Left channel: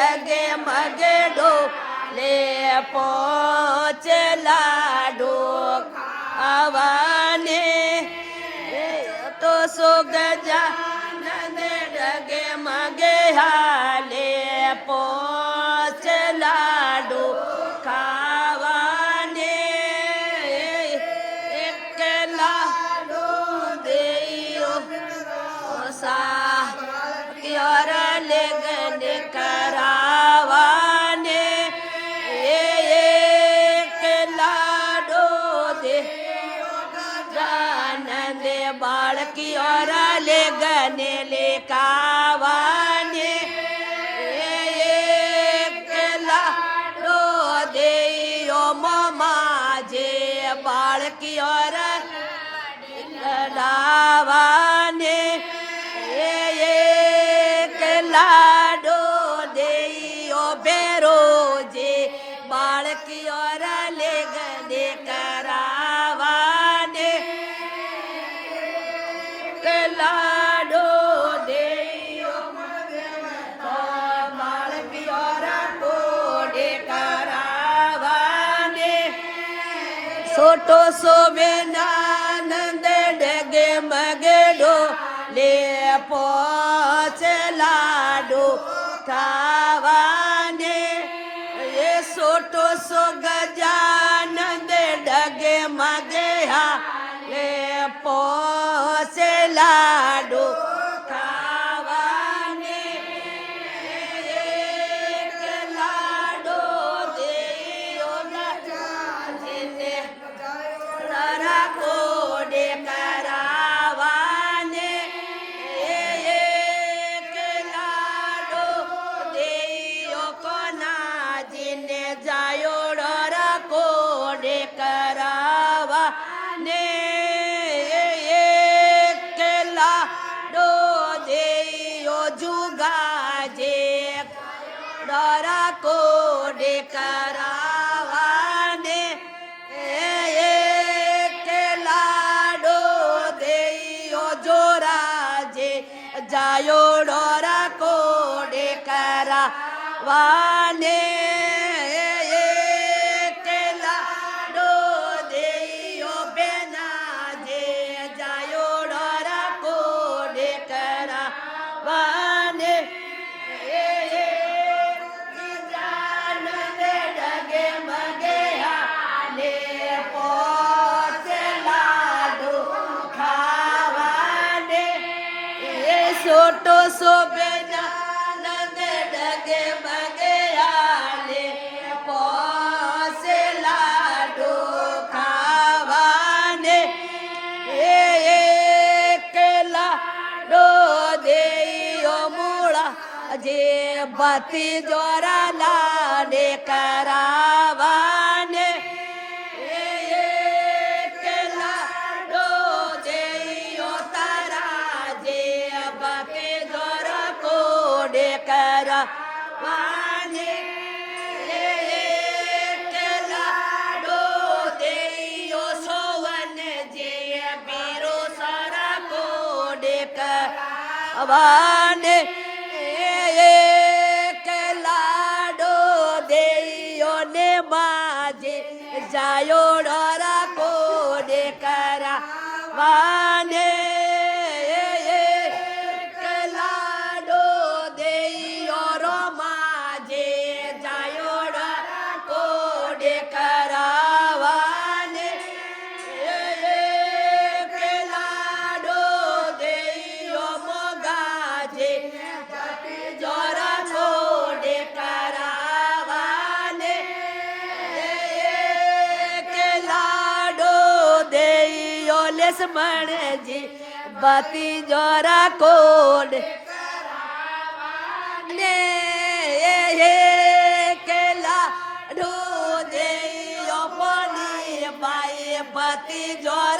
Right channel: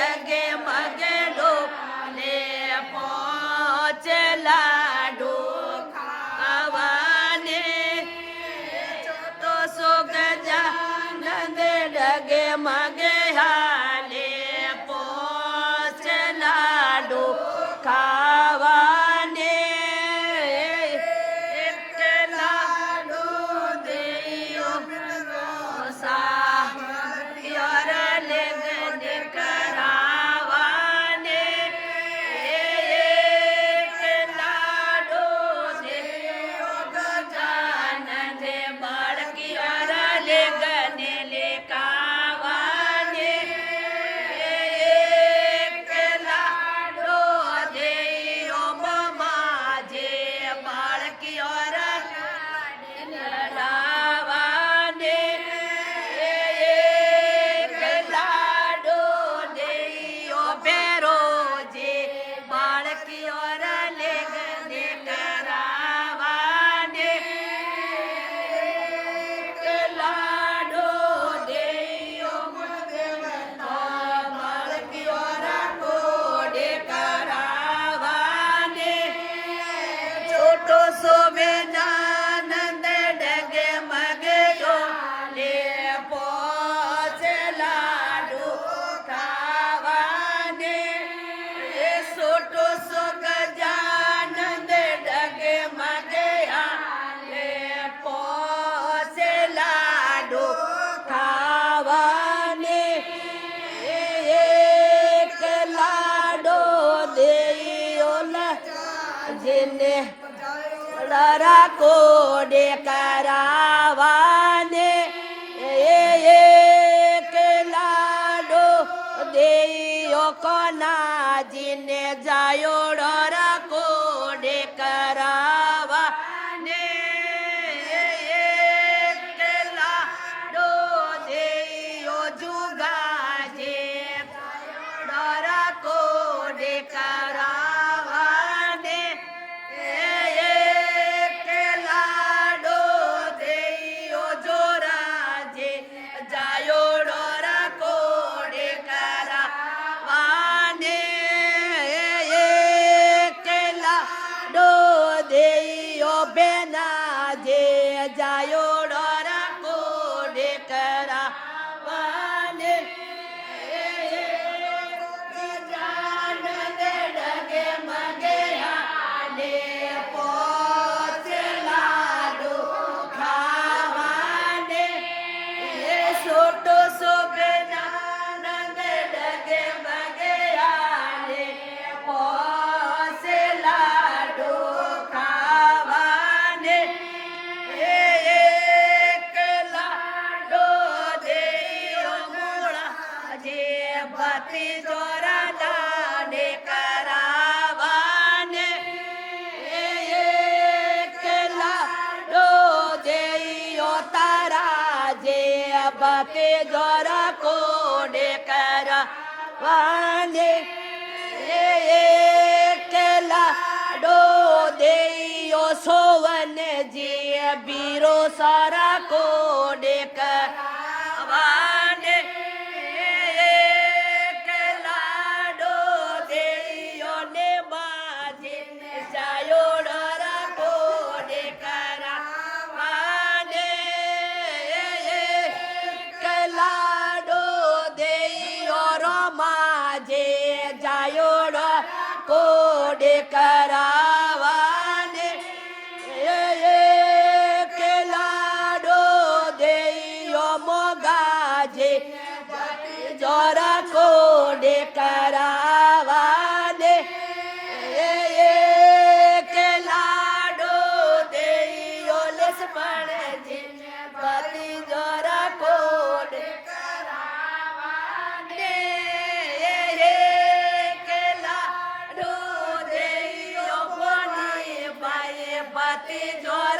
ડગે મગે ડોલે પહોંચે લાડુ ખાવાને તો સો ગજાનંદ ડગે મગે હાલે પહોંચે લાડુ ખાવાને એક લાડુ દેયો સા યાર લેગન કરાવાને એક લાડુ દેયો ગજાનંદ બાળકી યાર લેગન લેકાવાને એક લાડુ દેયો માજે બાળકી યાર લાવાને એક લાડુ દેયો બેરોજે બાળકી યાર લેગને કરાવાને એક લાડુ દેયો બાળકી યાર કોડે કરાવાને સોટો સોબેનાનંદ ડગે મગડો લે પહોંચે લાડુ ખાવાને એ સોટો સો ગજાનંદ ડગે મગયા લે પહોંચે લાડુ ખાવાને એક લાડો દેયો ને જેને કોડે કરાવાને એક લાડો દેયો કોનાજીને જાયો ડરા કોડે કરાવાને એક લાડો દેયો જુગાજે ડરા કોડે કરાવાને એક લાડો દેયો જોરાજે જાયો ડોરા કોડે કરાવાને એક લાડો દેયો બેનાજે જાયો ડોરા કોડે કરાવાને ડગે મગે હાલે પહોંચે લાડુ ખાવાને એ સોટો સોબેનાનંદ ડગે મગે હાલે પહોંચે લાડુ ખાવાને એક લાડો દેયો મૂળા જે ભતી દ્વારા લાડે કરાવાને એક લાડો દેયો તારા જે ભતે દ્વારા કોડે કરાવાને એક લાડો દેયો સોવન જે બીરો સારા કોડે કરાવાને એક લાડો દેયો ને માજે જાયો ડરા કોડે કરાવાને એક લાડો દેયો રમાજે જાયો ડરા કોડે કરાવાને એક લાડો દેયો મોગાજે જોરા કોડે કરાવાને એક લાડો દેયો લક્ષ્મણજી ભતી જોરા કોડે કરાવાને એક લાડો દેયો પોની બાઈ ભતી જોરા